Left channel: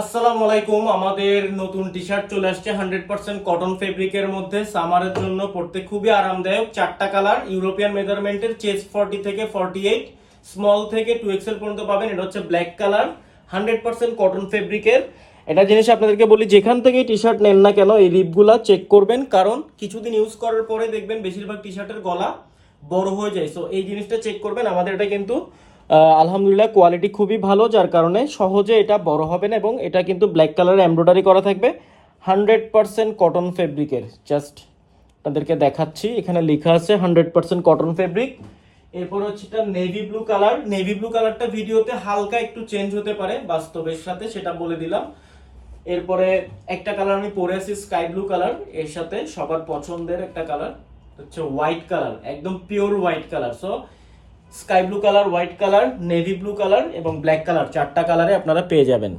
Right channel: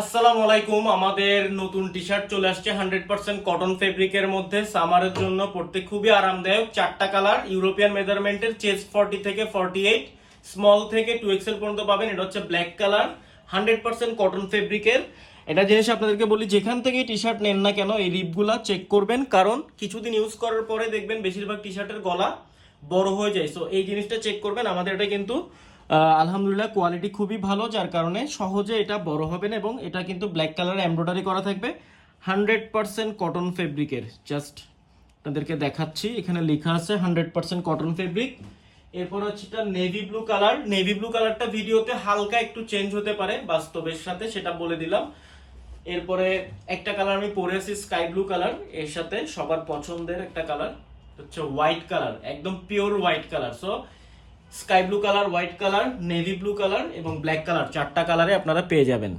আসসালামু আলাইকুম। আমাদের নতুন টি শার্ট চলে আসছে 100% কটন ফেব্রিকের মধ্যে। সামারের জন্য পড়তে খুবই আরামদায়ক। চারটা কালার, ইউরোপিয়ান মেজারমেন্টের, চেস্ট 40 থেকে 48, স্মল থেকে 2XL পর্যন্ত পাবেন। এটা হচ্ছে ব্ল্যাক কালার, 100% কটন ফেব্রিকের। এটা জিনিস আপনাদেরকে বলি, যেখান থেকে টি শার্ট নেন না কেন এই রিপগুলা চেক করবেন, কারণ কিছুদিন ইউজ করার পরে দেখবেন বেশিরভাগ টি শার্টের গলা বড় হয়ে যায়। সো এই জিনিসটা চেক করবেন। আমাদের এটা কিন্তু আলহামদুলিল্লাহ কোয়ালিটি খুবই ভালো, যার কারণে সহজে এটা বড় হবে না। এবং এটা কিন্তু ব্ল্যাক কালারে এমব্রয়ডারি করা থাকবে, 100% কটন ফেব্রিকের। জাস্ট আপনাদেরকে দেখাচ্ছি, এখানে লেখা আছে 100% কটন ফেব্রিক। এরপর হচ্ছে এটা navy blue colour. Navy blue কালারটা ভিডিওতে হালকা একটু চেঞ্জ হতে পারে বাস্তবের সাথে, সেটা বলে দিলাম। এরপরে একটা কালার আমি পরে আছি, স্কাই ব্লু কালার। এর সাথে সবার পছন্দের একটা কালার হচ্ছে হোয়াইট কালার, একদম pure white colour. So sky blue colour, white colour, navy blue colour এবং ব্ল্যাক কালার, চারটা কালারে আপনারা পেয়ে যাবেন।